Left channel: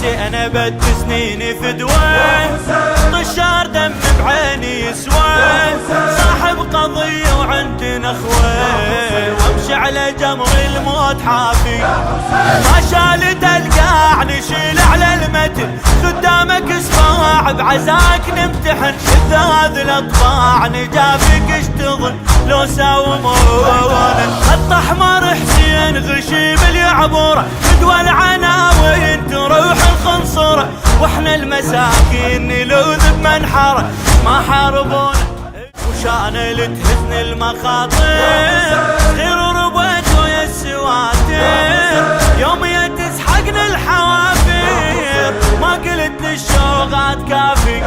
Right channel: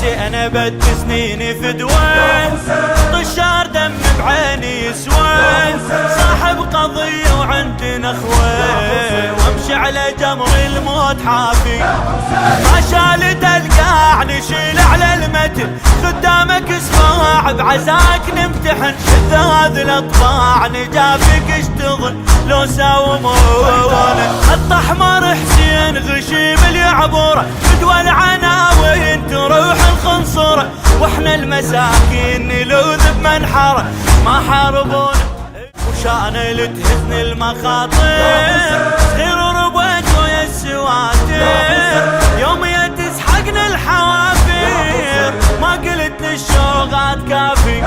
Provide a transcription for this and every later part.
حسين بد سنيني فدوه، طشار دم بعيني يسوى، صاحب قضية وعندنا اخوه، وامشي على جمر الموت حافي، ما شالت القاع نشيل على المتن، خدامك صفاع بعزاك نمتحن، شذاذ الاطباع نجافك اشتغل لو ساومونا، خط احمر حسين غشيم اليعبوره، فدوى العناوين تروح الخنصره، واحنا المساكين نلوذ بمنحره، ما حاربونا وشان لتهزن المخاطر، صغير وربيت ويا السواتر، يوم تسحقنا الحوافر، ما قلت للشوقات كافي،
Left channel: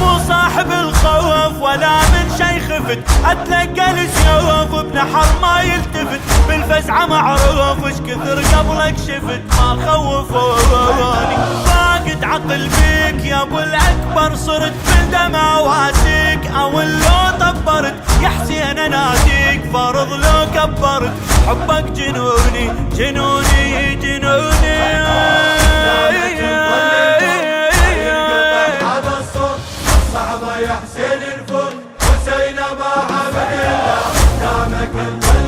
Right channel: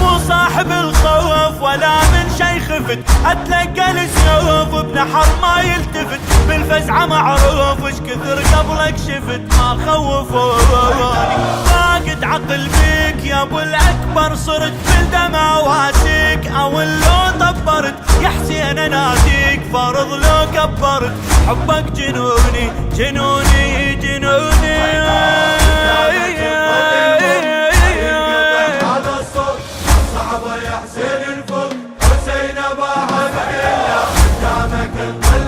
مو صاحب الخوف ولا من شي خفت، اتلقى السيوف بنحر ما يلتفت، بالفزعة معروف اش كثر قبلك شفت، ما خوفوني، فاقد عقل بيك يا ابو الاكبر، صرت بالدم اواسيك، او لو طبرت يا حسين اناديك، فرض لو كبرت، حبك جنوني جنوني جنوني. صعبة يا حسين الفل، حسين ما حمد الله قدامك الظل